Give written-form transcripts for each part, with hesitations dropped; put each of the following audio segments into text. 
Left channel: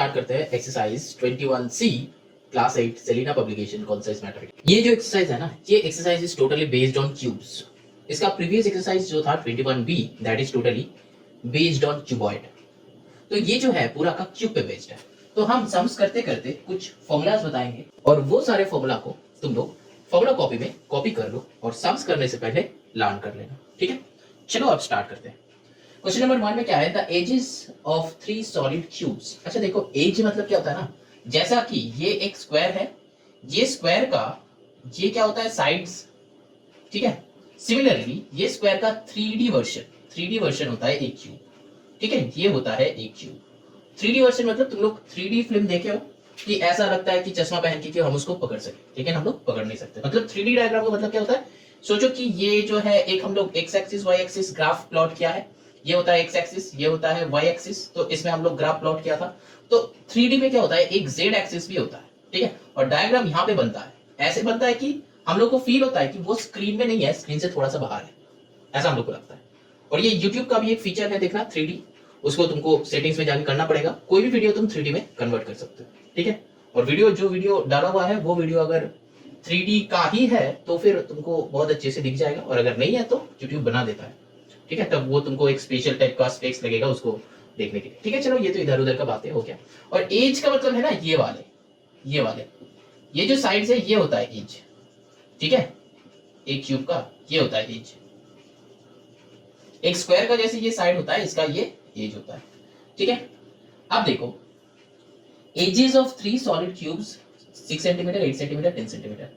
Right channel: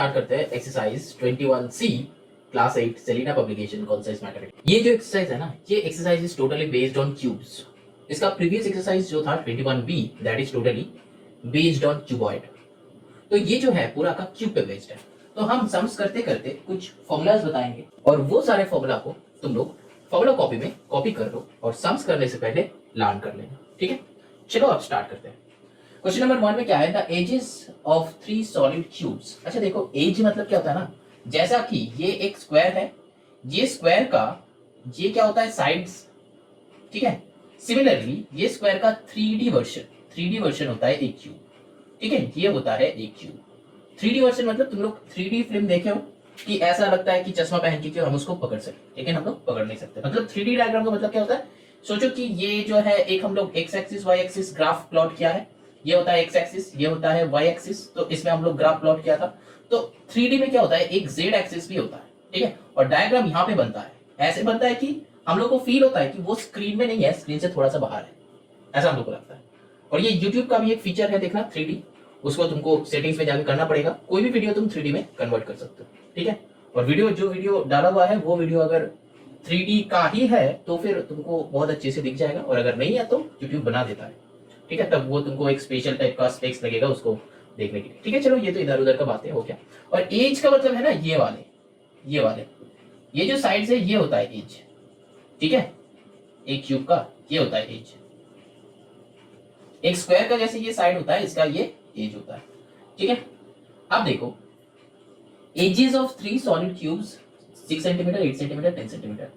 Start करते हैं exercise 21C class 8 Selina publication concept mathematics. ये जो एक्सरसाइज है ना, ये exercise is totally based on cubes. इसका प्रीवियस एक्सरसाइज जो था 21B that is totally based on cuboid. तो ये जो है पूरा का क्यूब पे बेस्ड है। तो हम सम्स करते करते कुछ फॉर्मूलाज बताएंगे और वो सारे फॉर्मूला को तुम लोग फॉर्मूला कॉपी में कॉपी कर लो और सम्स करने से पहले लर्न कर लेना। ठीक है, चलो अब स्टार्ट करते हैं। क्वेश्चन नंबर 1 में क्या है, the edges of 3 solid cubes. अच्छा देखो, एज मतलब क्या होता है ना, जैसा कि ये एक स्क्वायर है, ये स्क्वायर का ये क्या होता है, साइड्स। ठीक है, सिमिलरली ये स्क्वायर का 3D वर्जन होता है एक क्यूब। ठीक है, ये होता है एक क्यूब। 3D वर्जन मतलब तुम लोग 3D फिल्म देखे हो कि ऐसा लगता है कि चश्मा पहन के कि हम उसको पकड़ सके, लेकिन हम लोग पकड़ नहीं सकते। मतलब 3D डायग्राम का मतलब क्या होता है, सोचो कि ये जो है एक हम लोग x axis y axis graph plot किया है। ये होता है एक्स एक्सिस, ये होता है वाई एक्सिस, तो इसमें हम लोग ग्राफ प्लॉट किया था। तो 3D में क्या होता है, एक जेड एक्सिस भी होता है। ठीक है, और डायग्राम यहाँ पे बनता है, ऐसे बनता है कि हम लोग को फील होता है कि वो स्क्रीन में नहीं है, स्क्रीन से थोड़ा सा बाहर है, ऐसा हम लोग को लगता है। और ये YouTube का भी एक फीचर है देखना 3D, उसको तुमको सेटिंग्स में जाके करना पड़ेगा। कोई भी वीडियो तुम 3D में कन्वर्ट कर सकते हो। ठीक है, और जो वीडियो डाला हुआ है वो वीडियो अगर 3D का ही है तो फिर तुमको बहुत अच्छे से दिख जाएगा, और अगर नहीं है तो YouTube बना देता है। ठीक है, तब वो तुमको एक स्पेशल टाइप का स्पेक्स लगेगा उसको देखने के लिए। ठीक है, चलो ये तो इधर उधर का बातें हो गया। और एज का मतलब है ना, ये वाले ये जो साइड्स है ये होता है एज। ठीक है, एक क्यूब का ये होता है एज। एक स्क्वायर का जैसे ये साइड होता है, इसका ये एज होता है। ठीक है, अब देखो edges of 3 solid cubes 6 centimetre, 8 centimetre, 10 centimetre.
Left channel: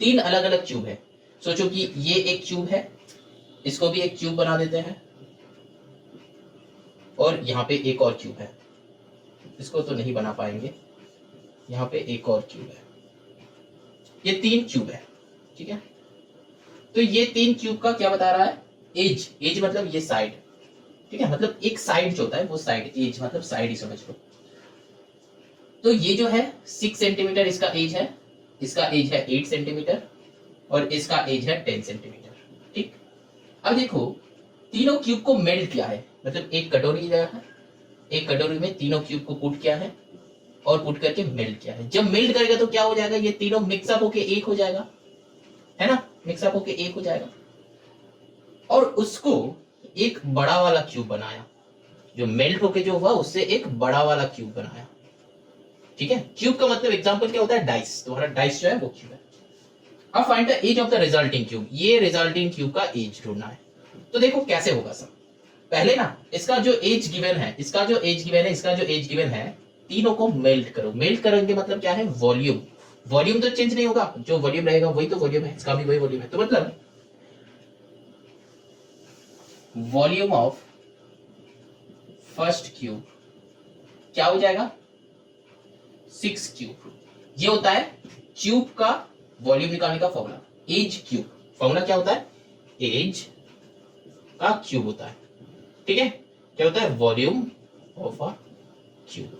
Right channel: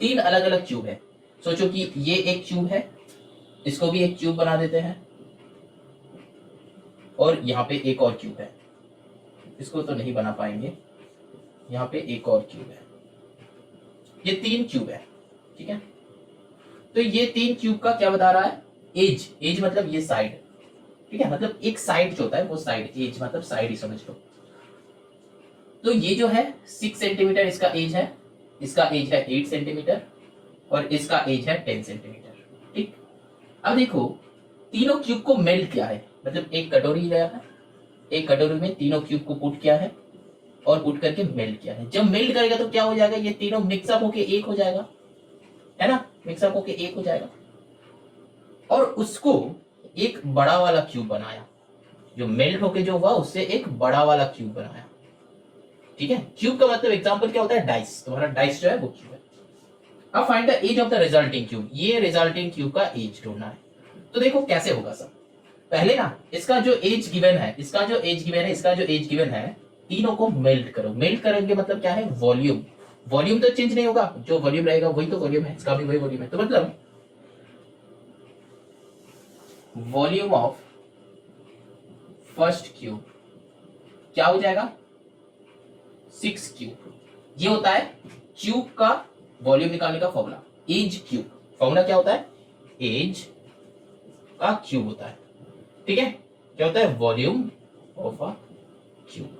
3 अलग अलग क्यूब है। सोचो कि ये एक क्यूब है, इसको भी एक क्यूब बना देते हैं, और यहाँ पे एक और क्यूब है, इसको तो नहीं बना पाएंगे, यहाँ पे एक और क्यूब है। ये 3 क्यूब है। ठीक है, तो ये 3 क्यूब का क्या बता रहा है, एज मतलब ये साइड। ठीक है, मतलब एक साइड जो होता है वो साइड, एज मतलब साइड ही समझ लो। तो ये जो है 6 सेंटीमीटर इसका एज है, इसका एज है 8 सेंटीमीटर, और इसका एज है 10 सेंटीमीटर। ठीक, अब देखो तीनों क्यूब को मेल्ट किया है, मतलब एक कटोरी लिया है, एक कटोरी में तीनों क्यूब को पुट किया है और पुट करके मेल्ट किया है। जब मेल्ट करेगा तो क्या हो जाएगा, ये तीनों मिक्सअप होके एक हो जाएगा, है ना, मिक्सअप होके एक हो जाएगा। और उसको एक बड़ा वाला क्यूब बनाया, जो मेल्ट होके जो हुआ उससे एक बड़ा वाला क्यूब बनाया। ठीक है, क्यूब का मतलब एग्जांपल क्या होता है, डाइस। तुम्हारा डाइस जो है वो क्यूब है। अब find the edge of the resulting cube. ये रिजल्टिंग क्यूब का एज ढूंढना है। तो देखो कैसे होगा सब, पहले ना इसका जो एज गिवन है, इसका जो एज गिवन है, तीनों को मेल्ट करो। मेल्ट करेंगे मतलब क्या है, वॉल्यूम। वॉल्यूम तो चेंज नहीं होगा, जो वॉल्यूम रहेगा वही तो वॉल्यूम है, इसका भी वही वॉल्यूम है। तो मतलब वॉल्यूम ऑफ फर्स्ट क्यूब क्या हो जाएगा, 6 क्यूब। ये होता है क्यूब का वॉल्यूम निकालने का फॉर्मूला, एज क्यूब। फॉर्मूला क्या होता है, एज का क्यूब होता है। ठीक है, क्या होता है, वॉल्यूम ऑफ अ क्यूब,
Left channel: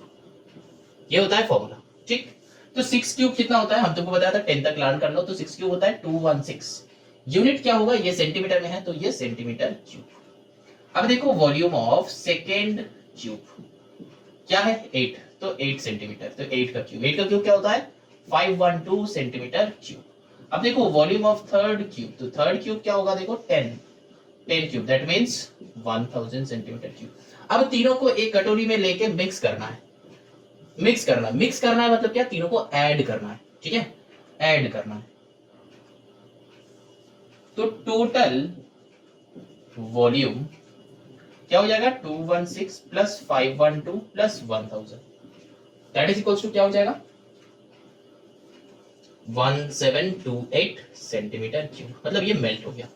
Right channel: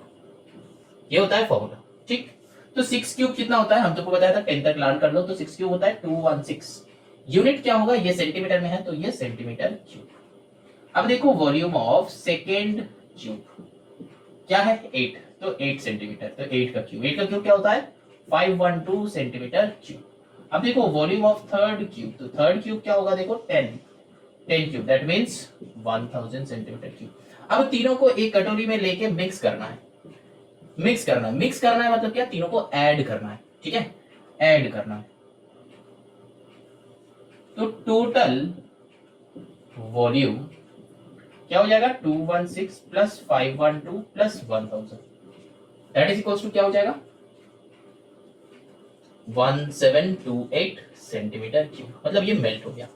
ये होता है फॉर्मूला। ठीक, तो 6 क्यूब कितना होता है, हम तुमको बताया था 10 तक लर्न कर लो। तो 6 क्यूब होता है 216। यूनिट क्या होगा, ये सेंटीमीटर में है तो ये सेंटीमीटर क्यूब। अब देखो वॉल्यूम ऑफ सेकेंड क्यूब क्या है, 8, तो 8 सेंटीमीटर, तो 8 का क्यूब क्या होता है, 512 सेंटीमीटर क्यूब। अब देखो वॉल्यूम ऑफ थर्ड क्यूब, तो थर्ड क्यूब क्या होगा, देखो 10 cube, that means 1000 centimetre cube. अब तीनों को एक कटोरी में लेके मिक्स करना है मतलब क्या, तीनों को ऐड करना है। ठीक है, ऐड करना है। तो टोटल वॉल्यूम क्या हो जाएगा, 216 plus 512 plus 1000, that is equals to क्या हो जाएगा, 1728 सेंटीमीटर क्यूब। मतलब ये मेल्ट हो गया।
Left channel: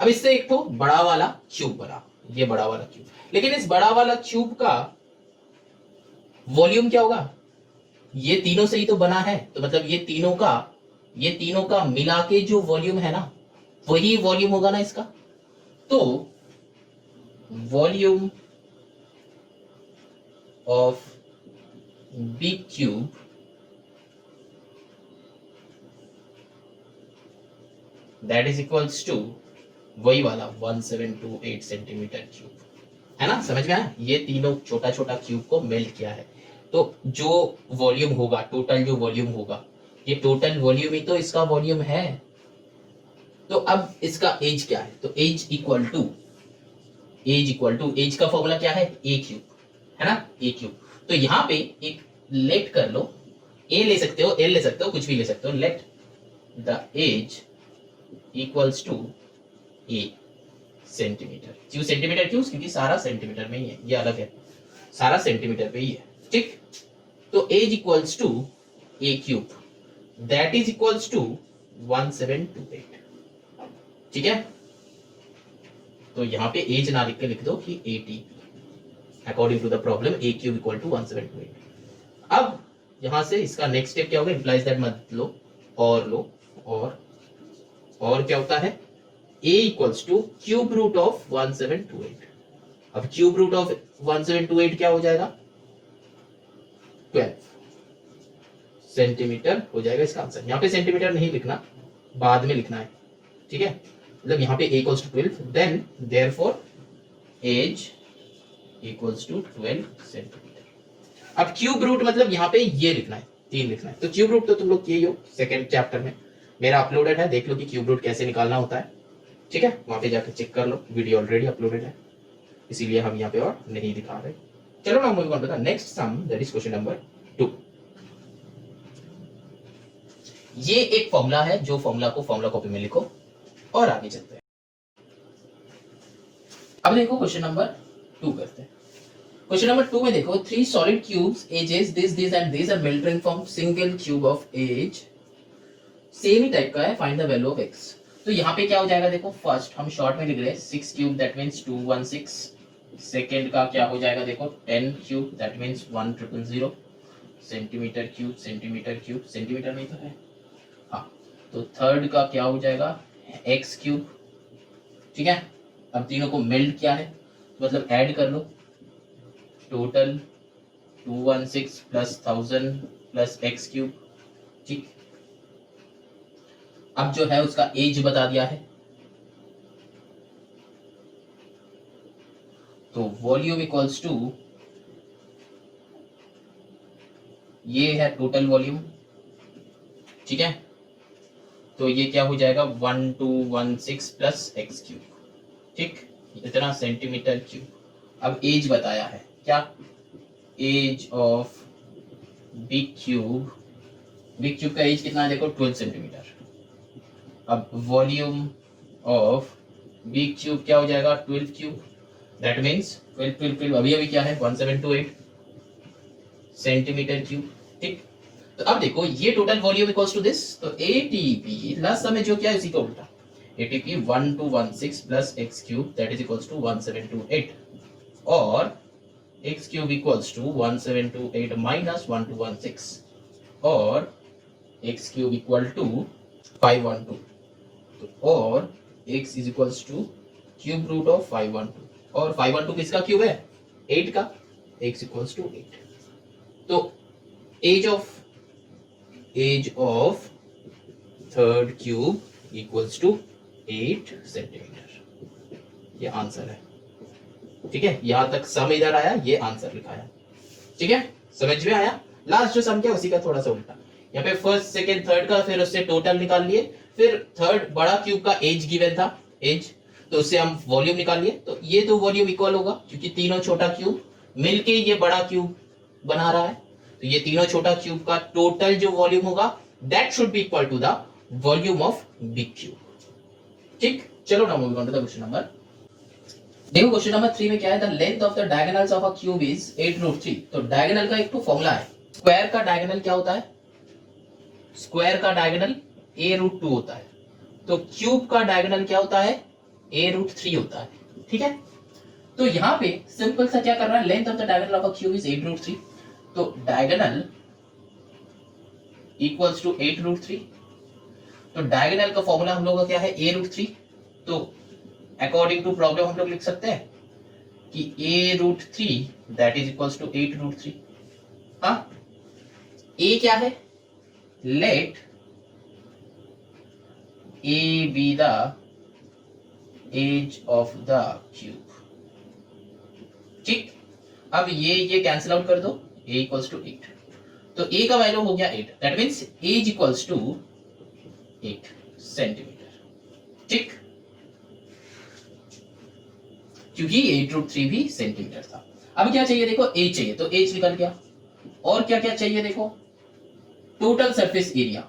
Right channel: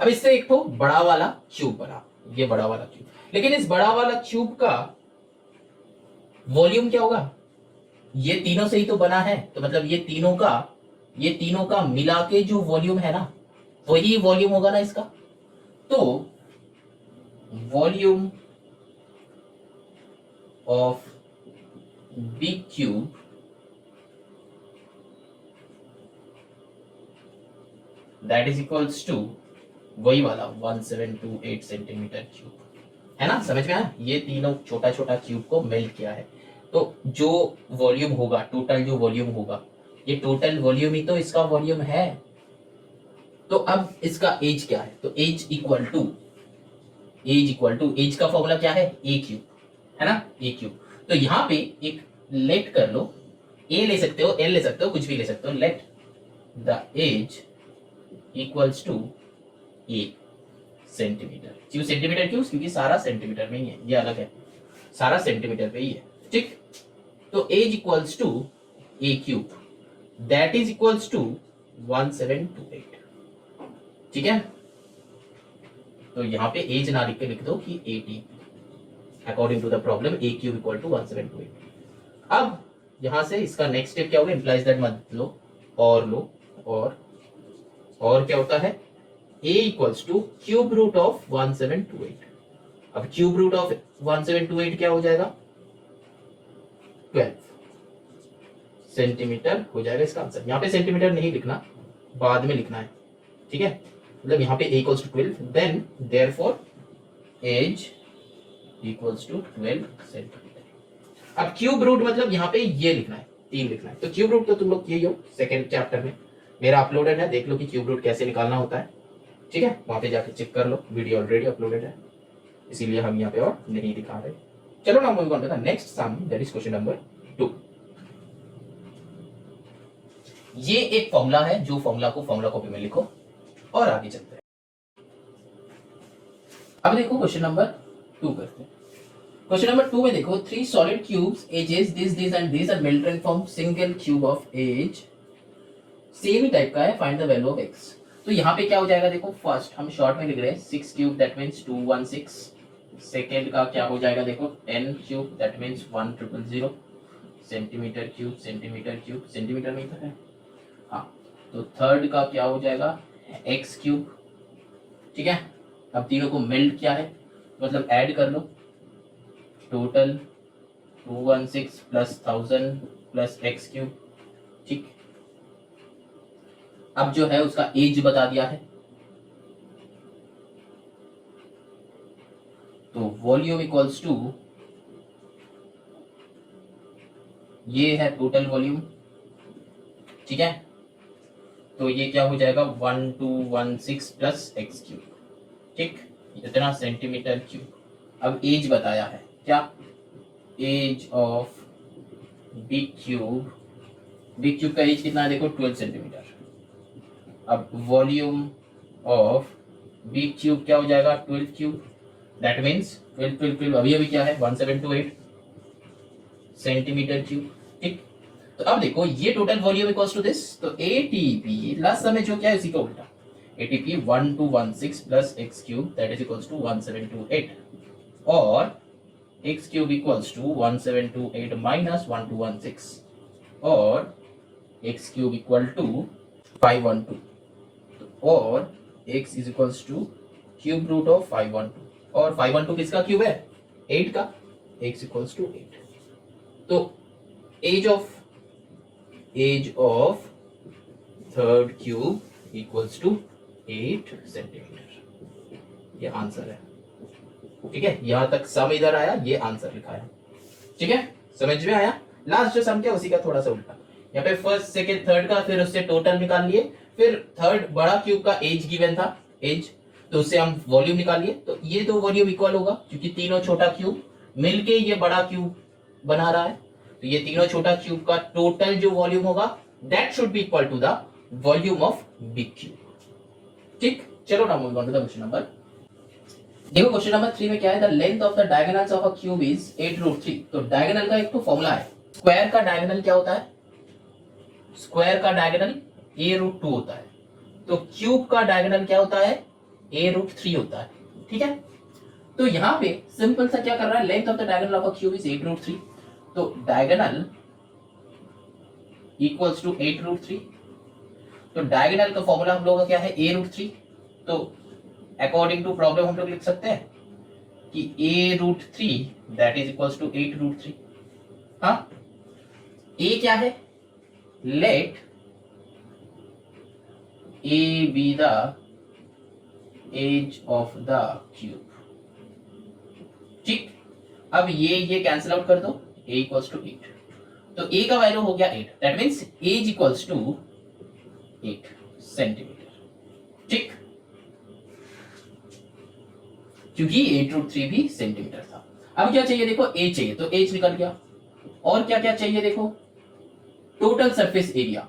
अब इससे एक तो बड़ा वाला क्यूब बना, ये बड़ा वाला क्यूब, लेकिन इस बड़ा वाला क्यूब का वॉल्यूम क्या होगा, ये तीनों से ही तो बना है, तो मतलब ये तीनों का मिला के जो वॉल्यूम है ना, वही वॉल्यूम होगा ना इसका। तो volume of big cube that is equals to वही वाला 1728 सेंटीमीटर क्यूब, है ना, समझ में आया। ये तीनों छोटा छोटा क्यूब को मेल्ट किया है, तो जो वॉल्यूम होगा, टोटल जो वॉल्यूम होगा, ये टोटल वॉल्यूम ही तो इसका वॉल्यूम है। तो अब इसका एज क्या है, तो एज इक्वल टू एज का फॉर्मूला क्या है, ए क्यूब, है ना, ए क्यूब। तो यहाँ पे एक लेट कर लो, ए ले सकते हो, एल ले सकते हो, कुछ भी ले सकते हो, let the edge equals to a centimetre. क्यों सेंटीमीटर, क्यों, क्योंकि सारा सेंटीमीटर में ही है, ये अलग है, सारा सेंटीमीटर पे ही है, ठीक। तो edge equals to a cube, that is equals to 1728, ठीक है। तो यहाँ पे एज ना लिख के लिख दो कि 80 according to the problem a cube equal to 1728। अब यहां से इसका नेक्स्ट स्टेप क्या होगा, इंप्लाइज दैट मत लो, और लो, और क्या होता है, a equals to cube root of 1728। अब क्यूब रूट ऑफ 1728 क्या हो जाएगा, 12 सेंटीमीटर हो जाएगा इसका आंसर। यहाँ पे सेंटीमीटर नहीं लिखना, बाद में लिखना है, ठीक है। मतलब यहाँ पे a equals to 12, then therefore edge equals to 12 centimetre. अब क्यूब रूट मतलब यहाँ पे ये लिखना है, 3 लिखना है। तो क्यूब रूट तो तुम लोग किए हो सेकंड चैप्टर में, मेरा अपलोडेड है, देख लो कि क्यूब रूट कैसे निकालना होता है, ठीक है। वहां पे जाके चेक कर लो, वीडियो ऑलरेडी अपलोडेड है, इसीलिए हम यहाँ पे और नहीं दिखा रहे। चलो ना move on to the next sum, that is question number 2। ये एक फॉर्मूला है, जो फॉर्मूला को फॉर्मूला कॉपी में लिखो और आगे चलते हैं। अब देखो क्वेश्चन नंबर 2 करते हैं। क्वेश्चन नंबर 2 में देखो, 3 solid cubes edges this and this are melted from single cube of edge, same ही टाइप का है, find the value of x। तो यहाँ पे क्या हो जाएगा, देखो फर्स्ट हम शॉर्ट में लिख रहे हैं 6 क्यूब, दैट मींस 216। सेकंड का क्या हो जाएगा, देखो 10 cube, that means 1000। Centimetre cube, centimetre में ही तो है, हाँ। तो थर्ड का क्या हो जाएगा, x क्यूब, ठीक है। अब तीनों को मेल्ट किया है, मतलब ऐड कर लो, total 216 plus 1000 plus x cube, ठीक। अब जो है उसका एज बता दिया है, तो वॉल्यूम इक्वल्स टू, ये है टोटल वॉल्यूम, ठीक है। तो ये क्या हो जाएगा, 1216 प्लस x क्यूब, ठीक, इतना सेंटीमीटर क्यूब। अब एज बताया है, क्या, एज ऑफ बिग क्यूब का एज कितना है, देखो 12 सेंटीमीटर। अब वॉल्यूम ऑफ बिग क्यूब क्या हो जाएगा, 12 क्यूब, दैट मींस 12 अभी क्या है, 1728 सेंटीमीटर क्यूब, ठीक। तो अब देखो ये total volume equals to this, तो एटीपी लास्ट समय जो क्या है उसी का उल्टा, ATP 1216 plus x cube, that is equals to 1728, और x cube equals to 1728 minus 1216, और x क्यूब इक्वल टू 512, और x is equals to cube root of 512, और 512 किसका क्यूब है, 8 का, x इक्वल्स टू 8। तो edge of third cube equals to 8 centimetre, ये answer है, ठीक है। यहां तक सम इधर आया, ये आंसर लिखा है, ठीक है, समझ में आया। लास्ट जो सम किया उसी का थोड़ा सा उल्टा, यहाँ पे फर्स्ट सेकंड थर्ड का, फिर उससे टोटल निकाल लिए, फिर थर्ड बड़ा क्यूब का एज गिवन था, एज, तो उससे हम वॉल्यूम निकाल लिए। तो ये दो वॉल्यूम इक्वल होगा, क्योंकि तीनों छोटा क्यूब मिलके ये बड़ा क्यूब बना रहा है, तो ये तीनों छोटा क्यूब का टोटल जो वॉल्यूम होगा, that should be equal to the volume of big cube, ठीक। चलो ना move on to the question number, देखो क्वेश्चन नंबर 3 में क्या है, the length of the diagonals of a cube is 8√3। तो डायगोनल का एक तो फॉर्मूला है, स्क्वायर का डायगोनल क्या होता है, स्क्वायर का डायगोनल a√2 होता है, तो क्यूब का डायगोनल क्या होता है, a√3 होता है, ठीक है। तो यहाँ पे सिंपल सा क्या कर रहा है, length of the diagonal of a cube is 8√3, तो डायगोनल इक्वल्स टू 8√3। तो डायगोनल का फॉर्मूला हम लोग का क्या है, a√3। तो अकॉर्डिंग टू प्रॉब्लम हम लोग लिख सकते हैं कि a√3 that is equals to 8√3। हाँ, a क्या है, let a be the edge of the cube, ठीक। अब ये कैंसिल आउट कर दो, ए इक्वल्स टू 8, तो ए का वैल्यू हो गया 8, that means edge equals to 8 centimetre, ठीक, क्योंकि 8√3 भी सेंटीमीटर था। अब क्या चाहिए देखो, एज चाहिए, तो एज निकल गया। और क्या क्या चाहिए देखो, टोटल सरफेस एरिया,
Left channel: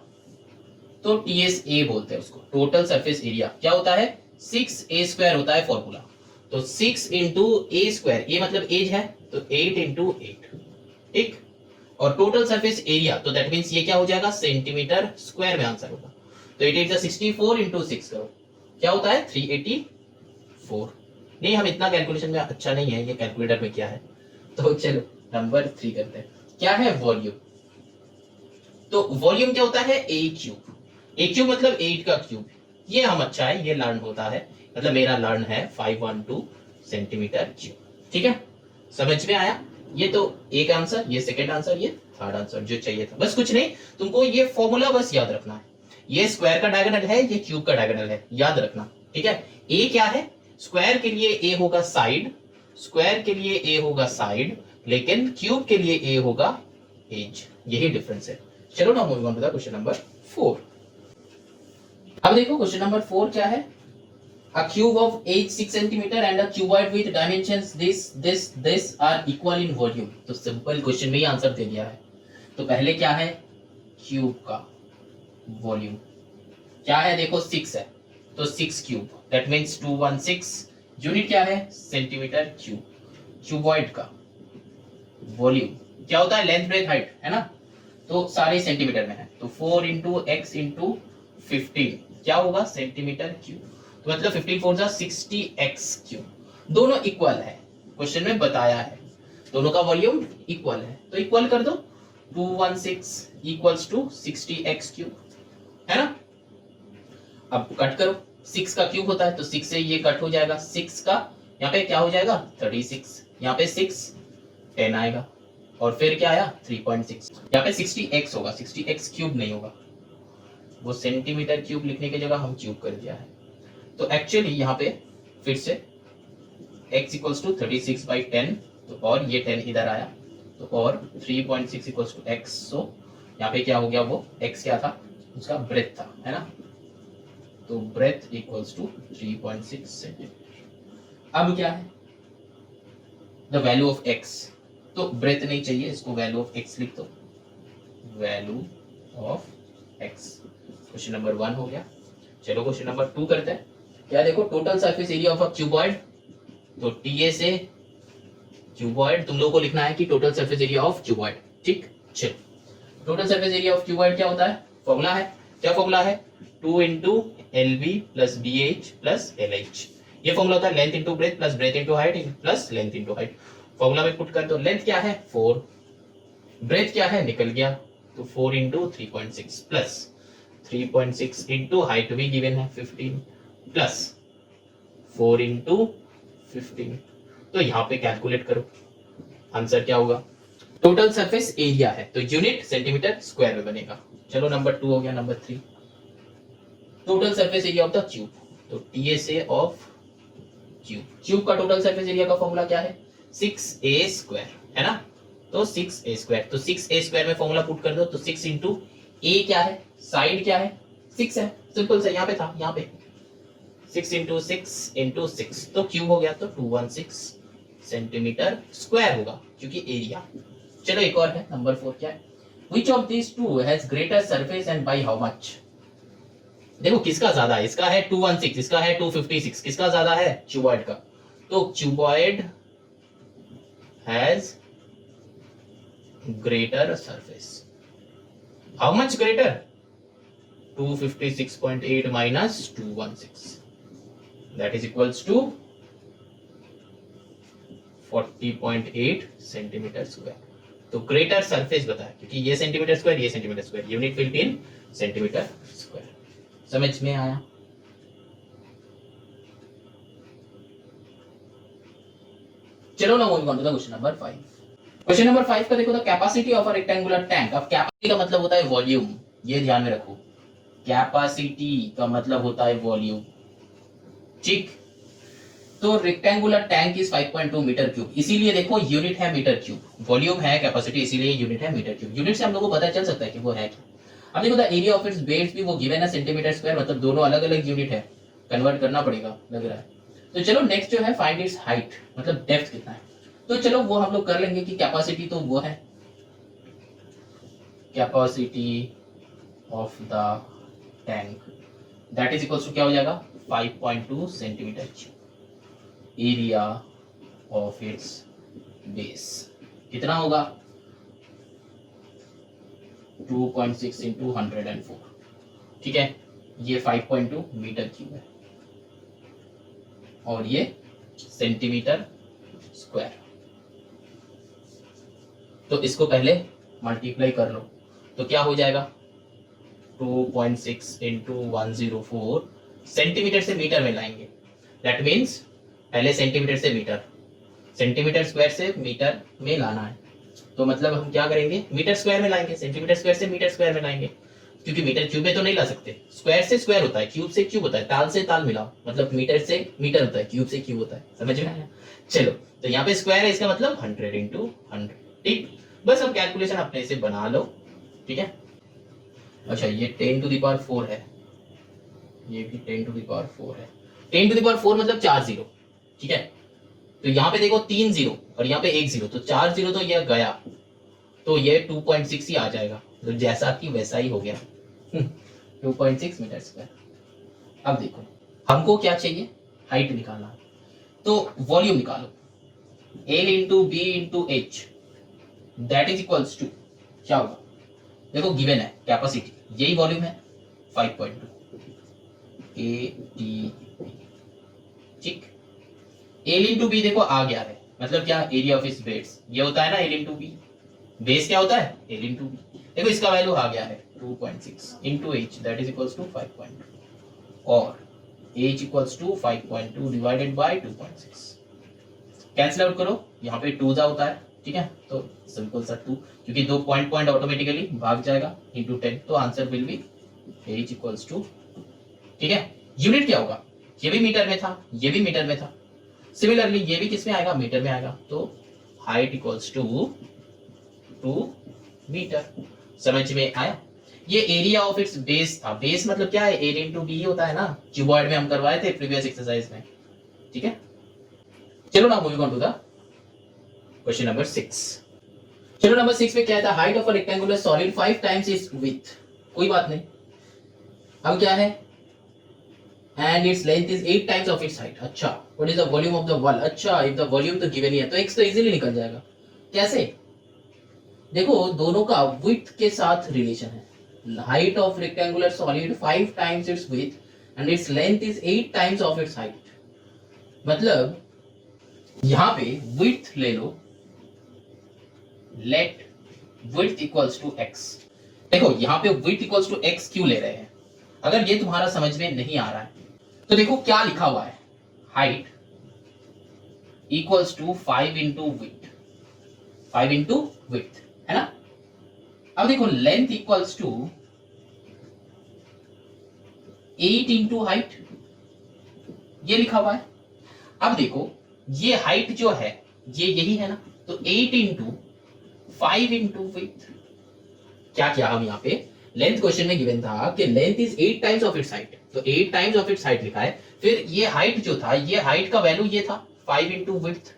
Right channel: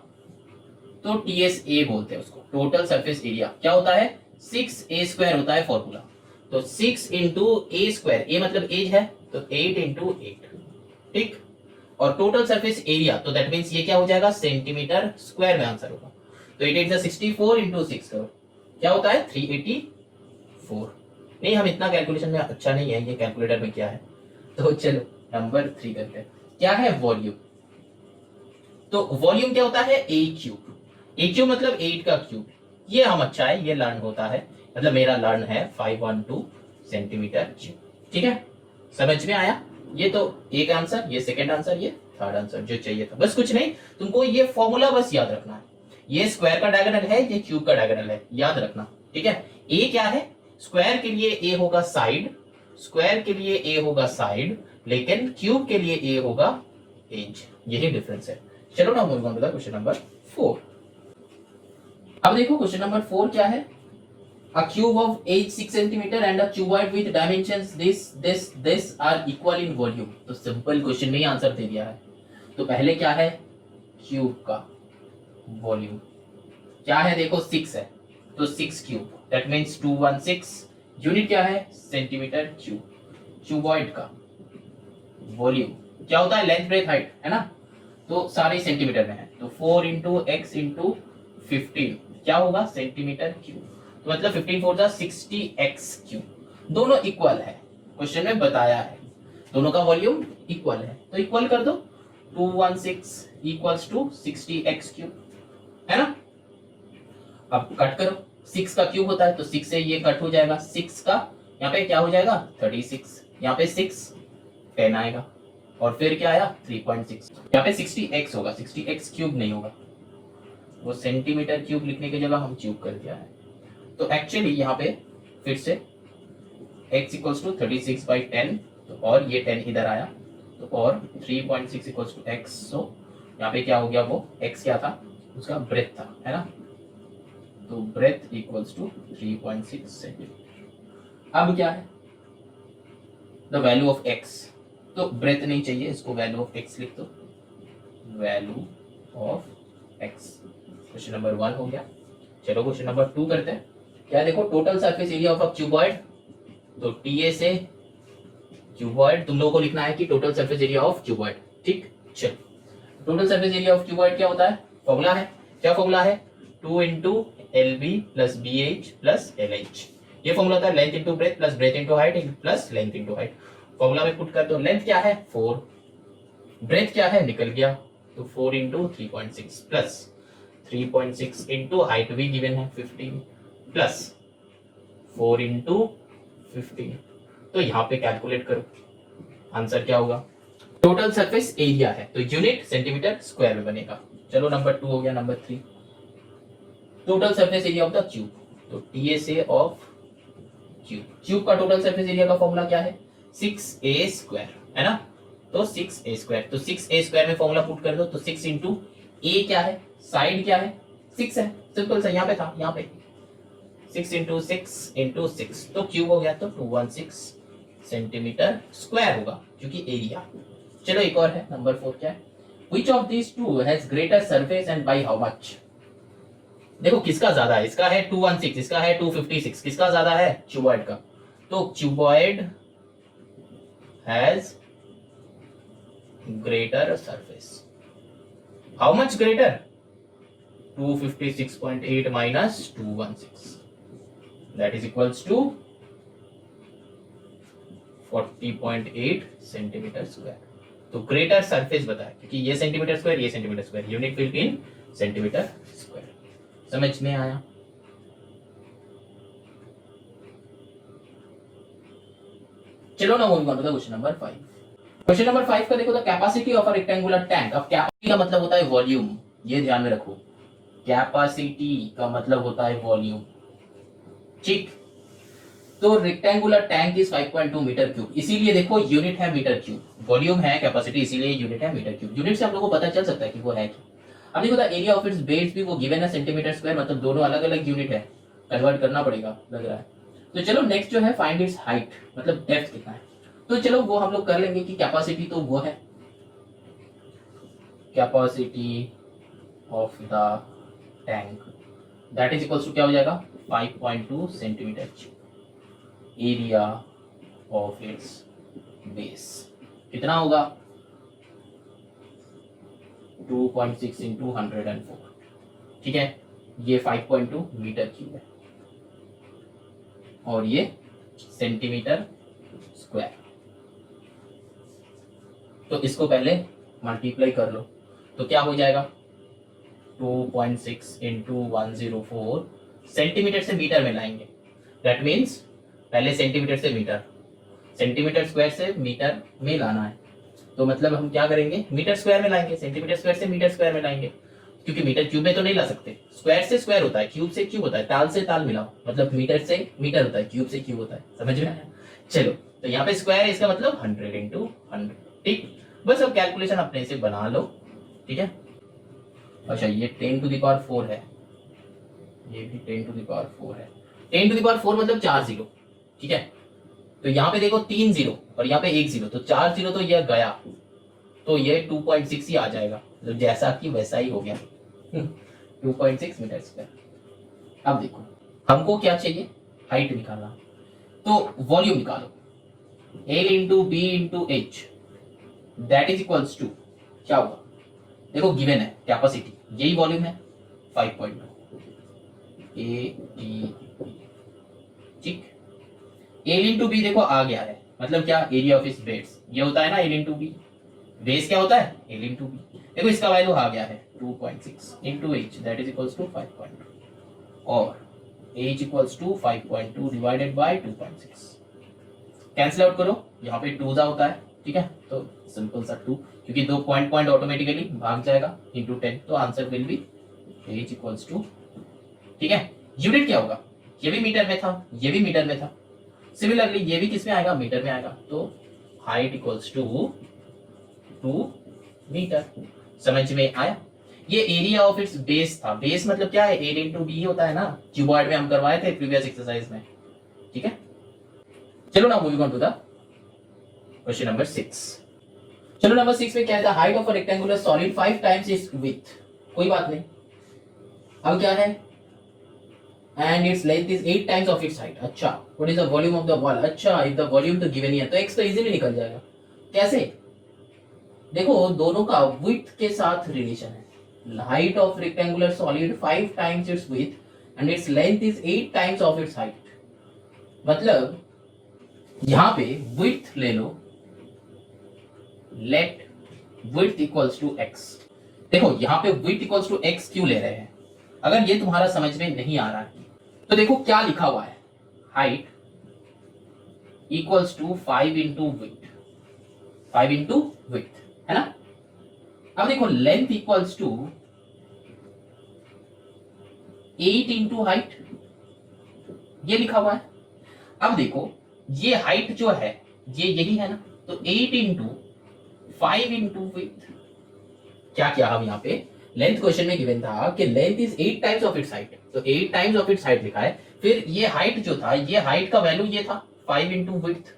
तो TSA बोलते हैं उसको, टोटल सरफेस एरिया क्या होता है, 6a² होता है फॉर्मूला, तो 6 इंटू a², ए मतलब एज है, तो 8 इंटू 8, ठीक, और टोटल सरफेस एरिया, तो दैट मींस ये क्या हो जाएगा, सेंटीमीटर स्क्वायर में आंसर होगा, तो 8 8 64 इंटू 6 करो, क्या होता है 384। नहीं, हम इतना कैलकुलेशन में अच्छा नहीं है, ये कैलकुलेटर में क्या है, तो चलो नंबर 3 करते हैं। क्या है, वॉल्यूम, तो वॉल्यूम क्या होता है, ए क्यूब, ए क्यूब मतलब 8 का क्यूब, ये हम अच्छा है, ये लर्न होता है, मतलब मेरा लर्न है 512 सेंटीमीटर क्यूब, ठीक है, समझ में आया। ये तो एक आंसर, ये सेकंड आंसर, ये थर्ड आंसर जो चाहिए था, बस कुछ नहीं, तुमको ये फॉर्मूला बस याद रखना है, ये स्क्वायर का डायगोनल है, ये क्यूब का डायगोनल है, याद रखना, ठीक है। ए क्या है, स्क्वायर के लिए ए होगा साइड, स्क्वायर के लिए ए होगा साइड, लेकिन क्यूब के लिए ए होगा एज, यही डिफरेंस है। चलो ना move on to the question number 4। अब देखो क्वेश्चन नंबर 4 क्या है, a cube of 8 6 centimeter and a cuboid with dimensions this are equal in volume, तो सिंपल क्वेश्चन में ही आंसर दे दिया है। तो पहले क्या है, क्यूब का वॉल्यूम क्या है, देखो 6 है, तो 6 क्यूब, दैट मींस 216, यूनिट क्या है, सेंटीमीटर क्यूब। क्यूबॉइड का वॉल्यूम क्या होता है, लेंथ ब्रेथ हाइट है ना, तो सारे सेंटीमीटर में है, तो 4 इंटू एक्स इंटू 15 क्या होगा, सेंटीमीटर क्यूब, तो मतलब 15 4 जा 60x क्यूब, दोनों इक्वल है, क्वेश्चन में बताया है, दोनों का वॉल्यूम इक्वल है, तो इक्वल कर दो, 216 इक्वल्स टू 60x क्यूब, है ना। अब कट करो, 6 का क्यूब होता है, तो 6 से ये कट हो जाएगा, 6 का यहाँ पे क्या हो जाएगा 36, यहाँ पे 6 10 आएगा, और फिर क्या आया 3.6, यहाँ पे 60x होगा, 60x क्यूब नहीं होगा, वो सेंटीमीटर क्यूब लिखने की जगह हम क्यूब कर दिया है, तो एक्चुअली यहाँ पे फिर से x इक्वल्स टू 36/10, तो और ये 10 इधर आया, तो और 3.6 इक्वल्स टू x, सो यहाँ पे क्या हो गया, वो x क्या था, उसका ब्रेथ था, है ना, तो ब्रेथ इक्वल्स टू 3.6 सेंटीमीटर। अब क्या है, द वैल्यू ऑफ x, तो ब्रेथ नहीं चाहिए, इसको वैल्यू ऑफ x लिख दो, value of x, question number 1 हो गया। चलो क्वेश्चन नंबर 2 करते हैं। क्या देखो, total surface area of a cuboid, तो TA से क्यूबॉइड तुम लोगों को लिखना है कि total surface area of cuboid, ठीक। चलो total surface area of cuboid क्या होता है, फॉर्मूला है, क्या फॉर्मूला है, 2 into LB plus BH plus LH, ये फॉर्मूला होता है, length into breadth plus breadth into height plus length into height, formula में पुट कर दो, लेंथ क्या है 4, ब्रेथ क्या है निकल गया, तो 4 इंटू 3.6 प्लस 3.6 इंटू हाइट भी गिवन है 15 प्लस 4 इंटू 15, तो यहाँ पे कैलकुलेट करो, आंसर क्या होगा, टोटल सरफेस एरिया है, तो यूनिट सेंटीमीटर स्क्वायर में बनेगा। चलो नंबर 2 हो गया। Number 3, total surface area of the cube, तो TSA ऑफ क्यूब, क्यूब का टोटल सरफेस एरिया का फॉर्मूला क्या है, 6a², है ना, तो 6a², तो 6a² में फॉर्मूला पुट कर दो, तो 6 इंटू a क्या है, साइड क्या है 6 है, सिंपल सा, यहाँ पे था, यहाँ पे 6 इंटू 6 इंटू 6, तो क्यूब हो गया, तो 216 सेंटीमीटर स्क्वायर होगा, क्योंकि एरिया। चलो एक और है, नंबर 4 क्या है, which of these two has greater surface and by how much, देखो किसका ज्यादा है, इसका है 216, इसका है 256, किसका ज्यादा है, क्यूबॉइड का, तो cuboid has greater surface, how much greater, 256.8 minus 216, that is equals to 40.8 centimetre square, तो ग्रेटर सरफेस बताया, क्योंकि ये सेंटीमीटर स्क्वायर, ये centimetre square, unit will be in centimetre square, समझ में आया। चलो ना moving on to the question number 5। Question number 5 का देखो, the capacity of a rectangular tank, अब कैपेसिटी का मतलब होता है वॉल्यूम, ये ध्यान में रखो, कैपेसिटी का मतलब होता है वॉल्यूम, ठीक। तो rectangular tank is 5.2 metre cube, इसीलिए देखो यूनिट है मीटर क्यूब, वॉल्यूम है कैपेसिटी, इसीलिए यूनिट है मीटर क्यूब। यूनिट से हम लोग को पता चल सकता है कि वो है क्या। अब देखो the area of it's beds भी वो गिवन है सेंटीमीटर स्क्वायर, मतलब दोनों अलग अलग यूनिट है, कन्वर्ट करना पड़ेगा लग रहा है। तो चलो नेक्स्ट जो है फाइंड इट्स हाइट, मतलब डेप्थ कितना है। तो चलो वो हम लोग कर लेंगे कि कैपेसिटी तो वो है, capacity of the tank that is equals to क्या हो जाएगा 5.2 centimetre cube. Area of its base कितना होगा 2.6 इंटू 104, ठीक है। ये 5.2 मीटर क्यूब है और ये सेंटीमीटर स्क्वायर। तो इसको पहले मल्टीप्लाई कर लो तो क्या हो जाएगा 2.6 इंटू 104, सेंटीमीटर से मीटर में लाएंगे, दैट मीन्स पहले सेंटीमीटर से मीटर, सेंटीमीटर स्क्वायर से मीटर में लाना है। तो मतलब हम क्या करेंगे मीटर स्क्वायर में लाएंगे, सेंटीमीटर स्क्वायर से मीटर स्क्वायर में लाएंगे, क्योंकि मीटर क्यूब में तो नहीं ला सकते, स्क्वायर से स्क्वायर होता है, क्यूब से क्यूब होता है, ताल से ताल मिलाओ, मतलब मीटर से मीटर होता है, क्यूब से क्यूब होता है, समझ में आया। चलो तो यहाँ पे स्क्वायर है, इसका मतलब 100 इंटू 100, ठीक। बस अब कैलकुलेशन अपने से बना लो, ठीक है। अच्छा ये 10 टू द पावर 4 है, ये भी 10 टू द पावर 4 है, 10 टू द पावर 4 मतलब 4 जीरो, ठीक है। तो यहाँ पे देखो 3 जीरो और यहाँ पे 1 जीरो, तो 4 जीरो तो ये गया, तो ये 2.6 ही आ जाएगा, तो जैसा कि वैसा ही हो गया 2.6 मीटर स्क्वायर। अब देखो हमको क्या चाहिए, हाइट निकालना, तो वॉल्यूम निकालो, L into b into h that is equals to क्या होगा, देखो गिवन है कैपेसिटी, यही वॉल्यूम है 5.2 ATP, ठीक। L इंटू बी देखो आ गया है, मतलब क्या एरिया ऑफ इस बेड्स, ये होता है ना L इंटू बी, बेस क्या होता है L इंटू बी, देखो इसका वैल्यू आ गया है 2.6 into h that is equals to 5.2 और h equals to 5.2 divided by 2.6, cancel out करो, यहाँ पे 2 जा होता है, ठीक है। तो सिंपल सा 2, क्योंकि दो पॉइंट ऑटोमेटिकली भाग जाएगा इंटू 10, तो answer will be h equals to, ठीक है। यूनिट क्या होगा, ये भी मीटर में था, ये भी मीटर में था, सिमिलरली ये भी किस में आएगा मीटर में आएगा, तो हाइट इक्वल्स टू 2 मीटर। समझ में आया। ये एरिया ऑफ इट्स बेस था, बेस मतलब क्या है एरिया इंटू बी होता है ना, क्यूबॉइड में हम करवाए थे प्रीवियस एक्सरसाइज में, ठीक है। चलो ना moving on to the question number 6। चलो नंबर 6 में क्या था, height of a rectangular solid 5 times its width, कोई बात नहीं। अब क्या है, and its length is 8 times of its height। अच्छा what is the volume of the wall, अच्छा if the volume तो given ही है तो x तो इजीली निकल जाएगा। कैसे, देखो दोनों का width के साथ रिलेशन है, height of rectangular solid 5 times its width and its length is 8 times of its height, मतलब यहाँ पे width ले लो, let width equals to x, देखो यहाँ पे width equals to x क्यों ले रहे हैं, अगर ये तुम्हारा समझ में नहीं आ रहा है तो देखो क्या लिखा हुआ है, height equals to 5 into width, 5 into width है ना। अब देखो length equals to 8 into height, ये लिखा हुआ है। अब देखो ये हाइट जो है ये यही है ना, तो 8 इंटू 5 इंटू विड्थ, क्या किया हम यहाँ पे, लेंथ क्वेश्चन में गिवन था कि length is 8 times of its height, तो 8 टाइम्स ऑफ इट्स हाइट लिखा है, फिर ये हाइट जो था, ये हाइट का वैल्यू ये था 5 इंटू विड्थ,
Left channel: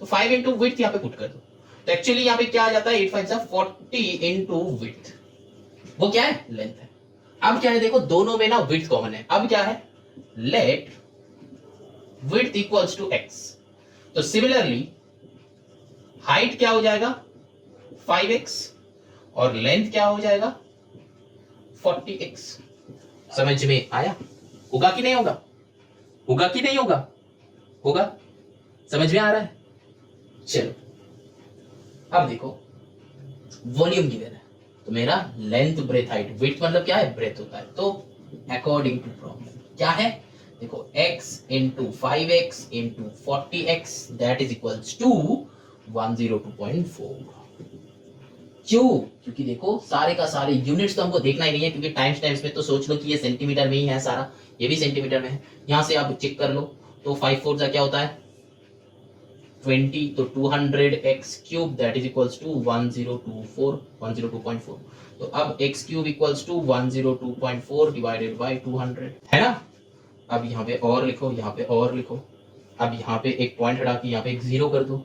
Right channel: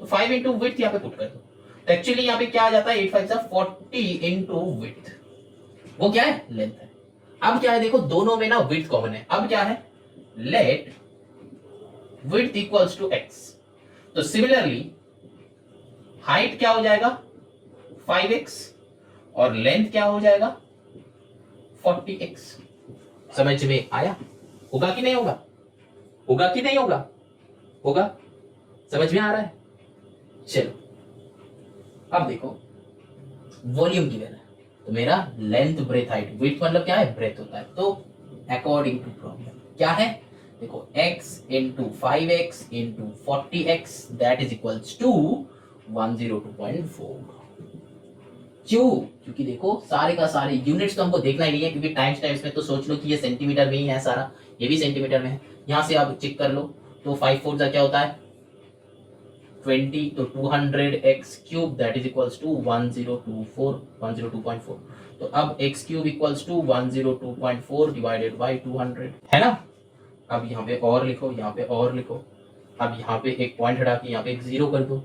तो 5 इंटू विड्थ यहाँ पे पुट कर दो, तो एक्चुअली यहाँ पे क्या आ जाता है 8 5 40 इंटू विड्थ, वो क्या है लेंथ है। अब क्या है देखो दोनों में ना विड्थ कॉमन है, अब क्या है let width equals to x, तो सिमिलरली हाइट क्या हो जाएगा 5x और लेंथ क्या हो जाएगा 40x। समझ में आया, होगा कि नहीं होगा, होगा कि नहीं होगा, होगा, समझ में आ रहा है। चलो अब देखो वॉल्यूम गिवन है, तो मेरा लेंथ ब्रेथ हाइट, विड्थ मतलब क्या है ब्रेथ होता है, तो अकॉर्डिंग टू प्रॉब्लम क्या है, देखो x into 5x into 40x that is equals to 102.4। क्यों, क्योंकि देखो सारे का सारे यूनिट्स तो हमको देखना ही नहीं है, क्योंकि टाइम्स में तो सोच लो कि ये सेंटीमीटर में ही है सारा, ये भी सेंटीमीटर में है, यहाँ से आप चेक कर लो तो 5 4 क्या होता है 20, तो 200x³ that is equals to 1024 102.4। तो अब x³ equals to 102.4 divided by 200 है ना। अब यहाँ पे और लिखो, यहाँ पे और लिखो। अब यहाँ पे एक पॉइंट हटा के यहाँ पे एक जीरो कर दो।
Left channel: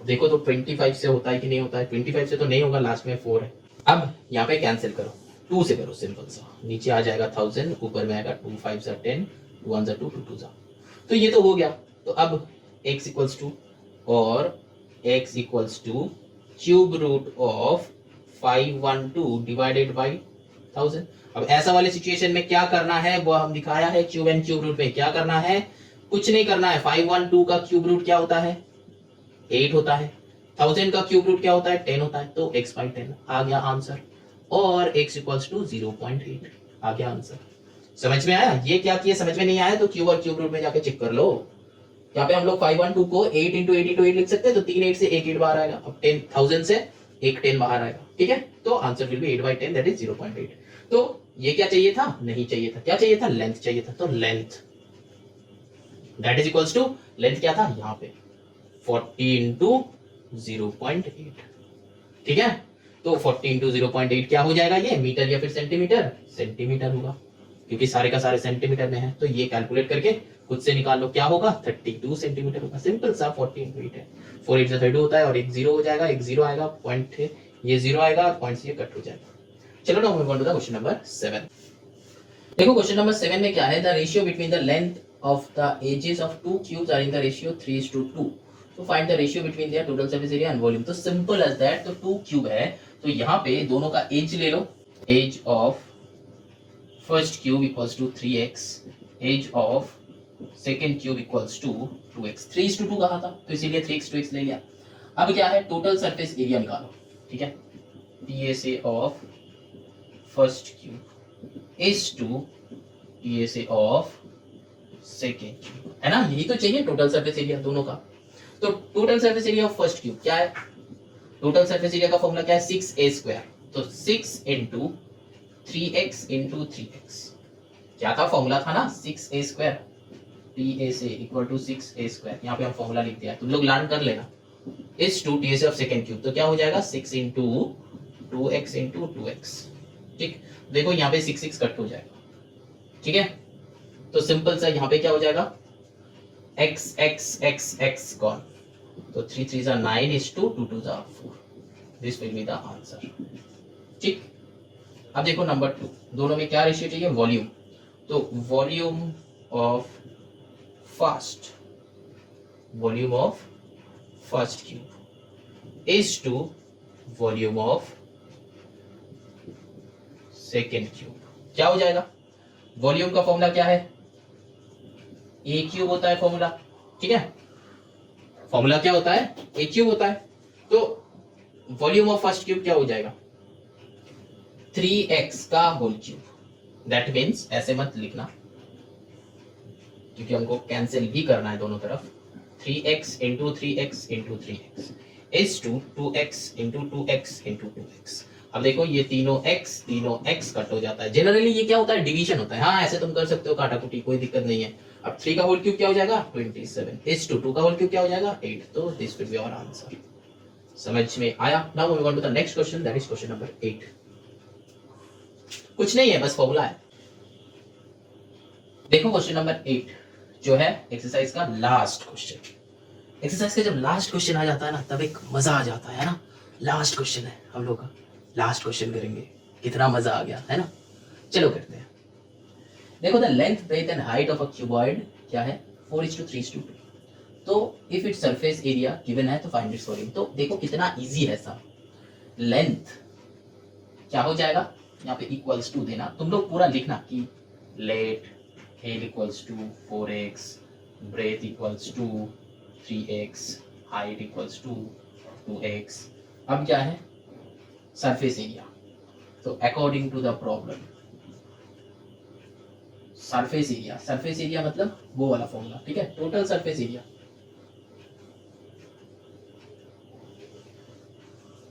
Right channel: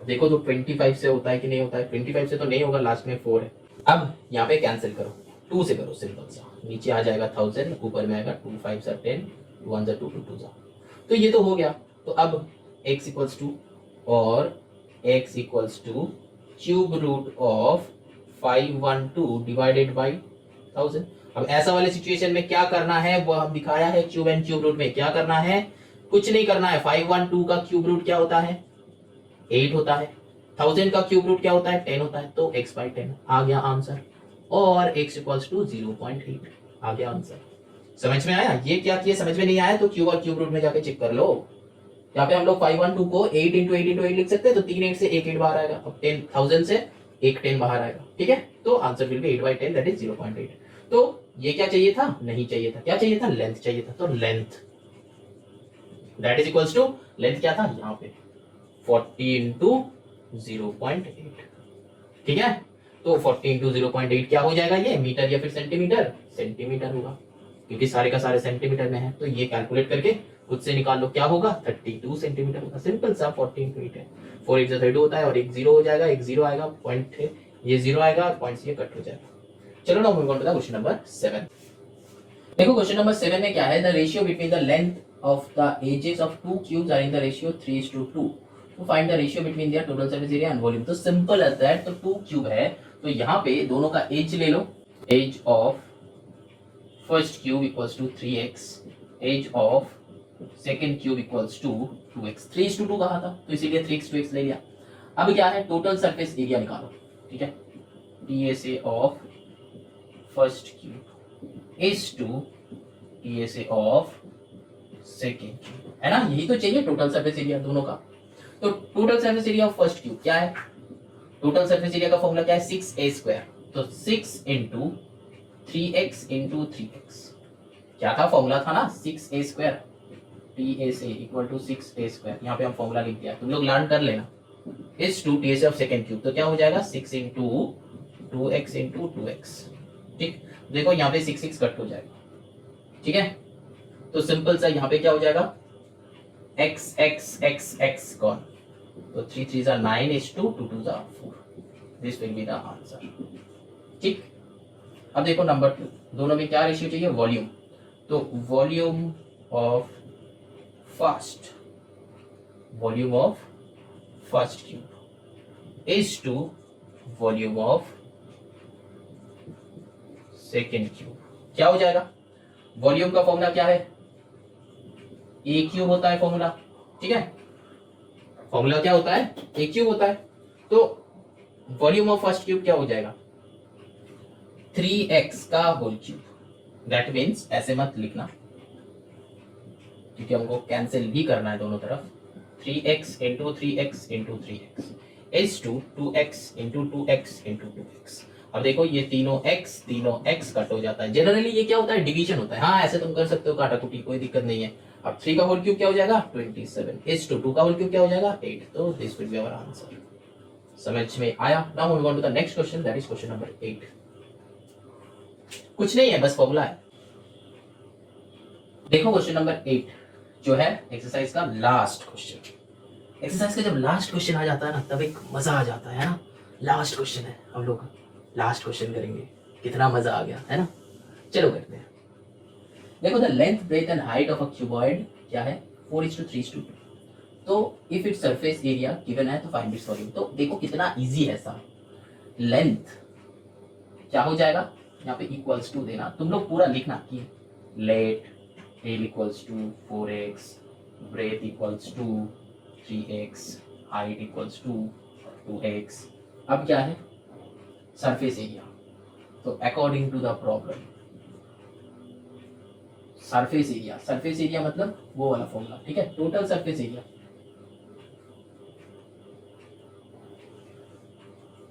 देखो तो 25 से होता है कि नहीं होता है, 25 से तो नहीं होगा, लास्ट में 4 है। अब यहाँ पे कैंसिल करो, 2 से करो, सिंपल सा। नीचे आ जाएगा 1000, ऊपर में आएगा 2 5 सा 10, 2 1 सा 2 2 2 सा। तो ये तो हो गया। तो अब x इक्वल्स टू और x equals to cube root of 512 divided by 1000। अब ऐसा वाले सिचुएशन में क्या करना है वो हम दिखाया है। क्यूब एंड क्यूब रूट में क्या करना है, कुछ नहीं करना है। 512 का क्यूब रूट क्या होता है 8 होता है, 1000 का क्यूब रूट क्या होता है 10 होता है, तो x बाई 10 आ गया आंसर, और x इक्वल्स टू 0.8 आ गया आंसर। समझ में आया। ये क्या किया, समझ में नहीं आया तो क्यूब और क्यूब रूट में जाके चेक कर लो। यहाँ पे हम लोग 512 को 8 इंटू 8 इंटू 8 लिख सकते हैं, तो 3 8 से एक 8 बाहर आएगा। अब 10,000 से एक 10 बाहर आएगा, ठीक है। तो answer will B 8 by 10 that is 0.8। तो ये क्या चाहिए था, नहीं चाहिए था, क्या चाहिए था, लेंथ चाहिए था। तो length that is equals to, length क्या था यहाँ पे 40 इंटू 0.8, ठीक है। तो 40 इंटू 0.8 क्या हो जाएगा, ये मीटर या फिर सेंटीमीटर, सेंटीमीटर होगा, क्योंकि सारे का सारे सेंटीमीटर में है। तो ये कैलकुलेट करके खुद से निकाल लो क्या होगा, 32 सेंटीमीटर होगा। सिंपल सा 40 इंटू 8 है, 4 8 32 होता है, और एक जीरो हो जाएगा, एक जीरो आएगा, पॉइंट है ये जीरो आएगा, और पॉइंट से ये कट हो जाएगा। चलो ना move on to the question number 7। देखो क्वेश्चन नंबर 7 में क्या है, the ratio between the length of the edges of two cubes are in the ratio 3:2। तो find the ratio between their total surface area and volume. तो simple as that. तो two cube है, तो यहाँ पे दोनों का एज ले लो। Edge of first cube equals to 3x, edge of second cube equals to 2x। 3:2 कहा था, तो इसीलिए 3x 2x ले लिया। अब क्या है, टोटल सरफेस एरिया निकालो, ठीक है। PSA of first cube is to PSA of second cube, है ना। यही तो चाहिए टोटल सरफेस एरिया दोनों का। तो total surface area of first cube क्या है, टोटल सरफेस एरिया का फॉर्मूला क्या है 6a²। तो 6 इंटू 3x इंटू 3x, क्या था फॉर्मूला था ना 6a²। PSA equal to 6a², यहाँ पे हम फॉर्मूला लिख दिया, तुम लोग लर्न कर लेना। Is to TSA of second cube, तो क्या हो जाएगा 6 इंटू 2x इंटू 2x, ठीक। देखो यहाँ पे 6 6 कट हो जाएगा, ठीक है। तो सिंपल सा यहाँ पे क्या हो जाएगा x x x x कौन, तो 3 3 सा 9 is 2 2 2 सा 4, this will be the answer, ठीक। अब देखो नंबर 2, दोनों में क्या रेशियो चाहिए, वॉल्यूम। तो volume of first, volume of first cube is to volume of second cube, क्या हो जाएगा। वॉल्यूम का फॉर्मूला क्या है, ए क्यूब होता है फॉर्मूला, ठीक है। फॉर्मूला क्या होता है, ए क्यूब होता है। तो वॉल्यूम ऑफ फर्स्ट क्यूब क्या हो जाएगा 3x का होल क्यूब। दैट मीन्स ऐसे मत लिखना, क्योंकि हमको कैंसिल भी करना है दोनों तरफ। 3x into 3x into 3x is to 2x into 2x into 2x। अब देखो ये तीनों x कट हो जाता है। जनरली ये क्या होता है, डिवीजन होता है। हाँ ऐसे तुम कर सकते हो काटा कुटी, कोई दिक्कत नहीं है। अब 3 का होल क्यूब क्या हो जाएगा 27 इज टू 2 का होल क्यूब क्या हो जाएगा 8। तो this will be our answer. समझ में आया। Now moving on to the next question, that is question number 8। कुछ नहीं है, बस फॉर्मूला है। देखो क्वेश्चन नंबर 8 जो है एक्सरसाइज का लास्ट क्वेश्चन। एक्सरसाइज का जब लास्ट क्वेश्चन आ जाता है ना, तब एक मजा आ जाता है ना। लास्ट क्वेश्चन है हम लोग का, लास्ट क्वेश्चन करेंगे, कितना मजा आ गया है ना। चलो करते हैं। देखो the length breadth and height of a cuboid क्या है 4:3:2। तो if its surface area given है तो फाइंड इट्स वॉल्यूम। तो देखो कितना इजी है सब। लेंथ क्या हो जाएगा, यहाँ पे इक्वल्स टू देना, तुम लोग पूरा लिखना कि let l equals to 4x, breadth equals to 3x, height equals to 2x। अब क्या है सरफेस एरिया, तो according to the problem surface area मतलब वो वाला फॉर्मूला, ठीक है। Total surface area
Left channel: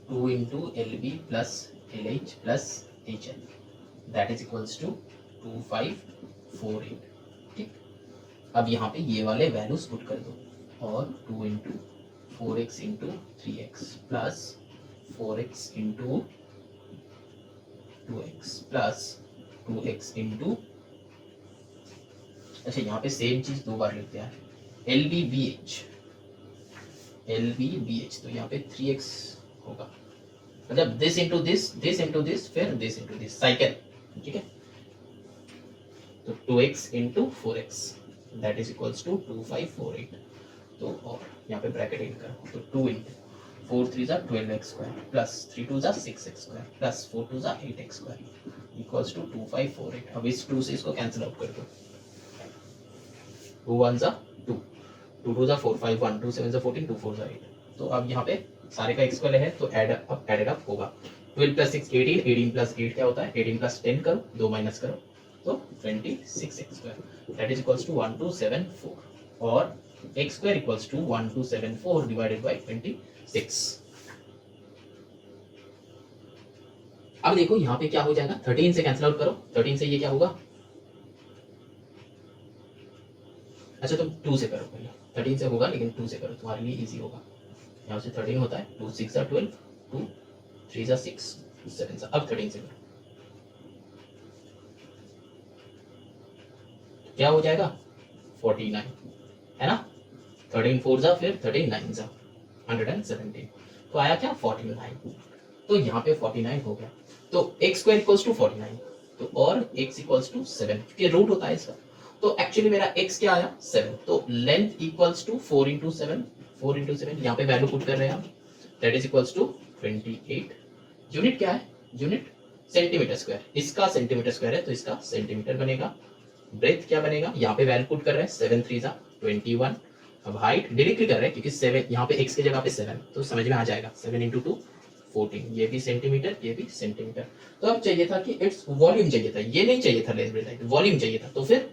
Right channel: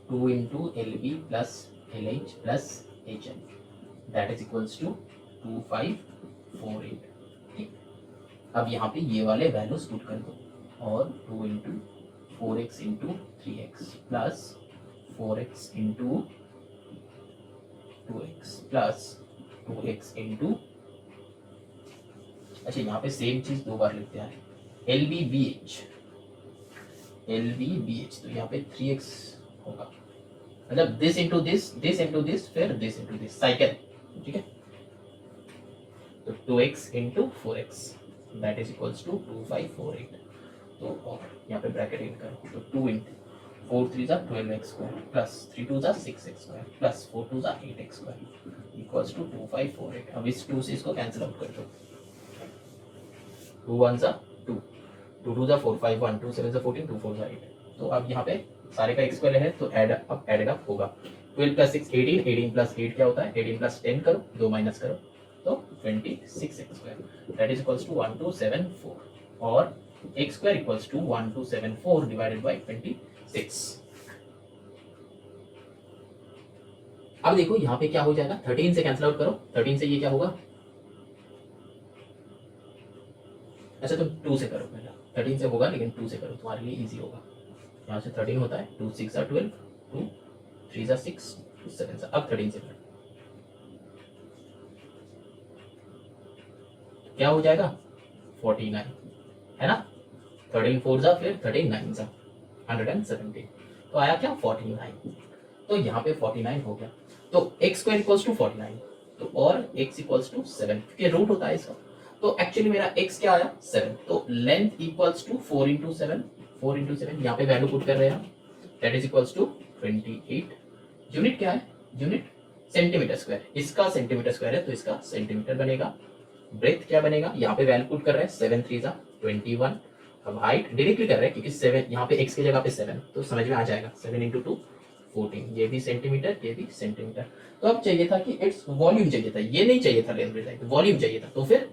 2 into LB plus LH plus HL that is equals to 2548, ठीक। अब यहाँ पे ये वाले वैल्यूज पुट कर दो और 2 into 4x into 3x plus 4x into 2x plus 2x into, अच्छा यहाँ पे सेम चीज दो बार लिखते हैं, LBBH तो यहाँ पे 3x होगा, मतलब दिस इंटू दिस, फिर दिस इंटू दिस, साइकिल, ठीक है। तो 2x into 4x that is equals to 2548, तो और यहाँ पे ब्रैकेट इन करो, तो 2 इंटू 4 3 जा 12x स्क्वायर प्लस 3 2 जा 6x स्क्वायर प्लस 4 2 जा 8x स्क्वायर इक्वल्स टू 2548। अब इस 2 से इसको कैंसिल आउट कर दो, 2 1 जा 2, 2 2 जा 4 5 1 2 7 जा 14 2 4 जा 8। तो अब यहाँ पे सारे का x स्क्वायर है तो एडेड अप होगा, 12 प्लस 6 18, 18 प्लस 8 क्या होता है, 18 प्लस 10 करो, 2 माइनस करो तो 26x square that is equals to 1274, और x square equals to 1274 divided by 26। अब देखो यहाँ पे क्या हो जाएगा, 13 से कैंसिल आउट करो, 13 से ये क्या होगा, अच्छा तुम 2 से करो पहले, 13 से होगा लेकिन 2 से करो, तुम्हारे लिए इजी होगा। यहाँ से 13 होता है, 2 6 12, 2 3 6 7, अब 13 से करो, क्या हो जाएगा 49, है ना, 13 4 जा फिर 13 9 जा 117, तो आया क्या 49, तो यहाँ पे 49 हो गया। तो x स्क्वायर इक्वल्स टू 49, तो और x इक्वल्स टू 7 क्योंकि रूट होता है इसका, तो एक्चुअली मेरा x क्या आया 7, तो length equals to 4 into 7, 4 into 7 यहाँ पे वैल्यू पुट कर रहे हैं हम, that is equals to 28। Unit क्या है, यूनिट सेंटीमीटर स्क्वायर, इसका सेंटीमीटर स्क्वायर है तो इसका सेंटीमीटर बनेगा। ब्रेथ क्या बनेगा, यहाँ पे वैल्यू पुट कर रहे हैं 7 3 जा 21, अब हाइट डायरेक्टली कर रहे हैं क्योंकि 7 यहाँ पे x की जगह पे 7, तो समझ में आ जाएगा 7 इंटू 2 14, ये भी सेंटीमीटर ये भी सेंटीमीटर। तो अब चाहिए था कि इट्स वॉल्यूम चाहिए था, ये नहीं चाहिए था लेंथ ब्रेथ हाइट, वॉल्यूम चाहिए था, तो फिर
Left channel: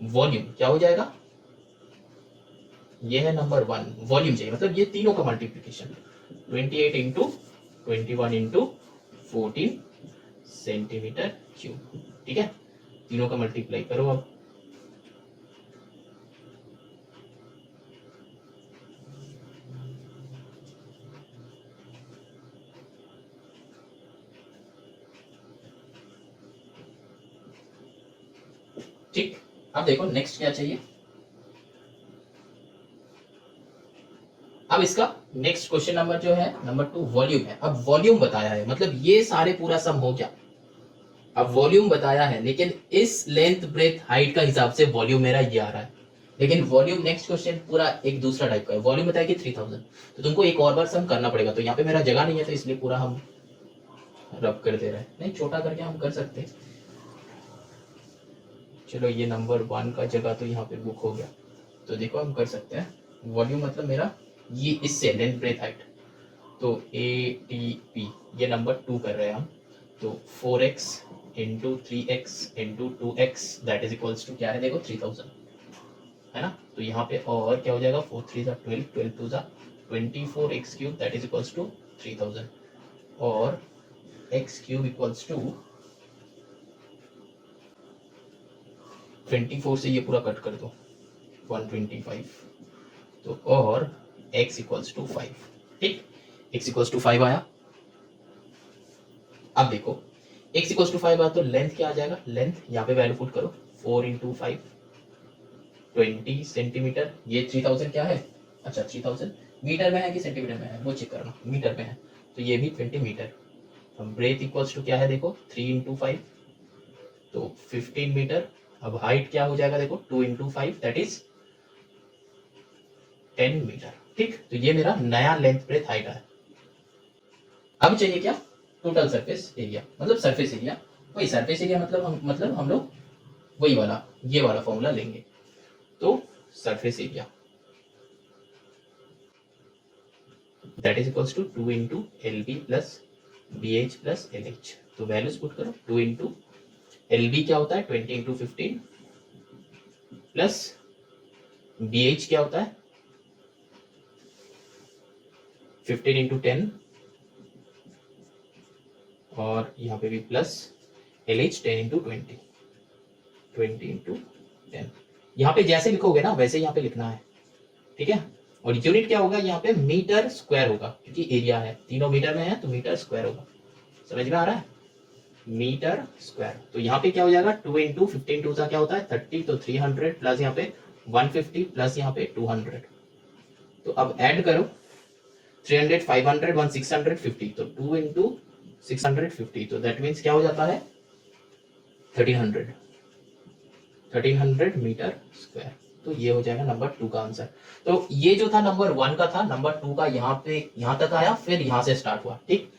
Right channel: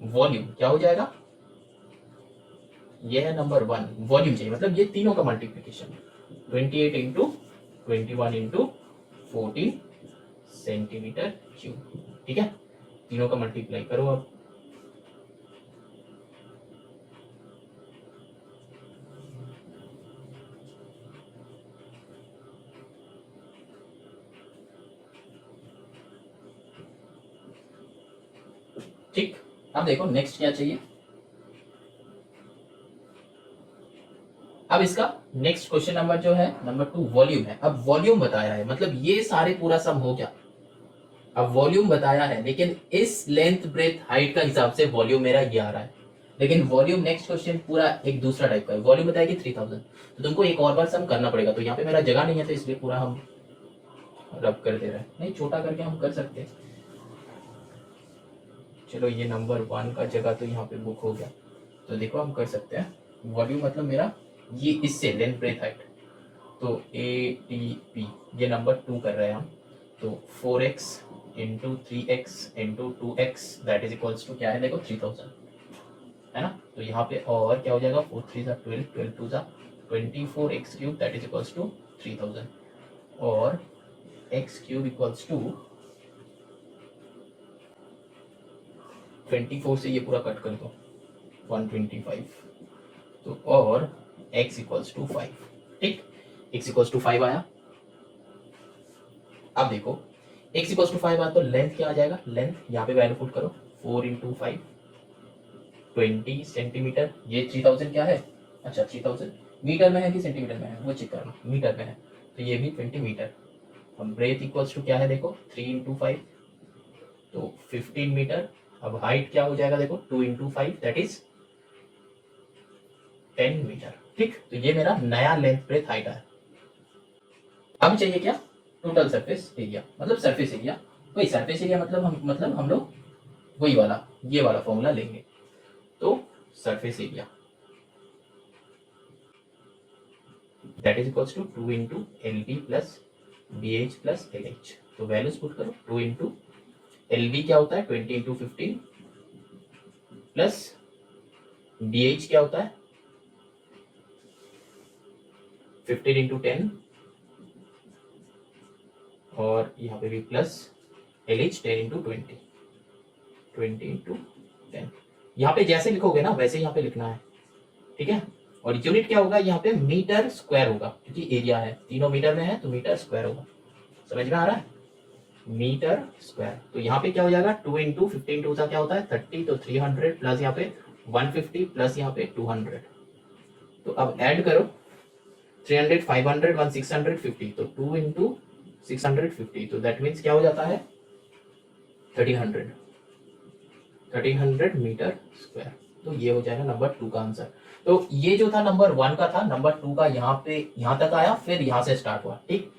वॉल्यूम क्या हो जाएगा, ये है नंबर 1, वॉल्यूम चाहिए, मतलब ये तीनों का multiplication 28 into 21 into 14 centimetre cube, ठीक है, तीनों का मल्टीप्लाई करो अब, ठीक। अब देखो नेक्स्ट क्या चाहिए, अब इसका नेक्स्ट क्वेश्चन नंबर जो है नंबर 2 वॉल्यूम है। अब वॉल्यूम बताया है, मतलब ये सारे पूरा सम हो गया, अब वॉल्यूम बताया है, लेकिन इस लेंथ ब्रेथ हाइट का हिसाब से वॉल्यूम मेरा ये आ रहा है, लेकिन वॉल्यूम नेक्स्ट क्वेश्चन पूरा एक दूसरा टाइप का है, वॉल्यूम बताएगी 3000, तो तुमको एक और बार सम करना पड़ेगा, तो यहाँ पे मेरा जगह नहीं है तो इसलिए पूरा हम रब कर दे रहे हैं, नहीं छोटा करके हम कर सकते हैं, चलो ये नंबर 1 का जगह तो यहाँ पे बुक हो गया, तो देखो हम कर सकते हैं, वॉल्यूम मतलब मेरा ये इससे लेंथ ब्रेथ हाइट, तो ATP ये नंबर 2 कर रहे हैं हम, तो 4x into 3x into 2x that is equals to क्या है देखो 3000, है ना, तो यहाँ पे और क्या हो जाएगा 4 3 जा 12, 12 2 जा 24x cube that is equals to 3000, और x क्यूब इक्वल्स टू 24 से ये पूरा कट कर दो 125, तो और x इक्वल्स टू 5, ठीक, x इक्वल्स टू 5 आया। अब देखो x इक्वल्स टू 5 आया तो लेंथ क्या आ जाएगा, लेंथ यहाँ पे वैल्यू पुट करो 4 इंटू 5 20 सेंटीमीटर, ये 3000 क्या है, अच्छा 3000 मीटर में है कि सेंटीमीटर में है वो चेक करना, मीटर में है तो ये भी 20 मीटर। अब ब्रेथ इक्वल्स टू क्या है देखो 3 इंटू 5 तो 15 मीटर, अब हाइट क्या हो जाएगा देखो 2 इंटू 5 दैट इज 10 मीटर, ठीक, तो ये मेरा नया लेंथ ब्रेथ हाइट है। अब चाहिए क्या, टोटल सरफेस एरिया, मतलब सरफेस एरिया, वही सरफेस एरिया मतलब हम लोग वही वाला ये वाला फॉर्मूला लेंगे, तो surface area that is equals to 2 into LB plus BH plus LH, तो वैल्यूज पुट करो 2 इंटू LB क्या होता है 20 इंटू 15 प्लस BH क्या होता है 15 इंटू 10, और यहाँ पे भी प्लस LH 10 इंटू 20 इंटू 10। यहाँ पे जैसे लिखोगे ना वैसे यहाँ पे लिखना है, ठीक है। और यूनिट क्या होगा यहाँ पे, मीटर स्क्वायर होगा, क्योंकि एरिया है, तीनों मीटर में है तो मीटर स्क्वायर होगा। समझ में आ रहा है, मीटर स्क्वायर। तो यहाँ पे क्या हो जाएगा, 2 इंटू 15 टू क्या होता है 30, तो 300 प्लस यहाँ पे 150 प्लस यहाँ पे 200। तो अब ऐड करो 300, 500, 1 650, तो 2 इंटू 650, तो दैट मीन्स क्या हो जाता है 1300 मीटर स्क्वायर। तो ये हो जाएगा नंबर 2 का आंसर। तो ये जो था नंबर 1 का था, नंबर 2 का यहाँ पे यहाँ तक आया, फिर यहाँ से स्टार्ट हुआ, ठीक।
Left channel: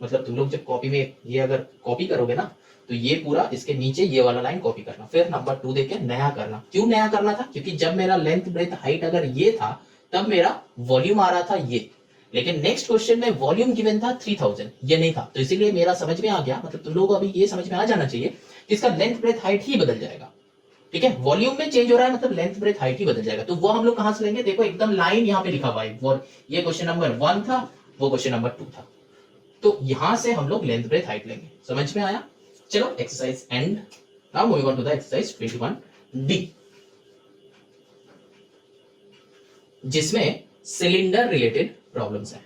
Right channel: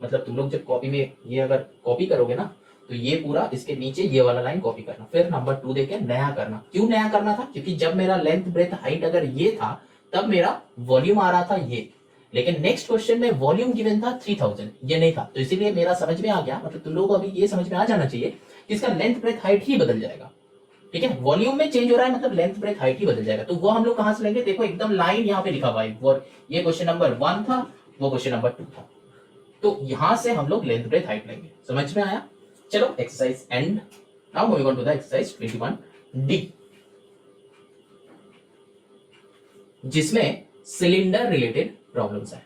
मतलब तुम लोग जब कॉपी में ये अगर कॉपी करोगे ना, तो ये पूरा इसके नीचे ये वाला लाइन कॉपी करना, फिर नंबर 2 देके नया करना। क्यों नया करना था, क्योंकि जब मेरा लेंथ ब्रेथ हाइट अगर ये था तब मेरा वॉल्यूम आ रहा था ये, लेकिन नेक्स्ट क्वेश्चन में वॉल्यूम गिवन था 3000, ये नहीं था, तो इसीलिए मेरा समझ में आ गया, मतलब तुम लोगों को अभी ये समझ में आ जाना चाहिए कि इसका लेंथ ब्रेथ हाइट ही बदल जाएगा, ठीक है। वॉल्यूम में चेंज हो रहा है मतलब लेंथ ब्रेथ हाइट ही बदल जाएगा। तो वो हम लोग कहां से लेंगे, देखो एकदम लाइन यहाँ पे लिखा हुआ है, और ये क्वेश्चन नंबर 1 था, वो क्वेश्चन नंबर 2 था, तो यहां से हम लोग लेंथ ब्रेथ हाइट लेंगे। समझ में आया, चलो exercise end. Now moving on to the exercise 21D, जिसमें सिलेंडर रिलेटेड प्रॉब्लम्स है।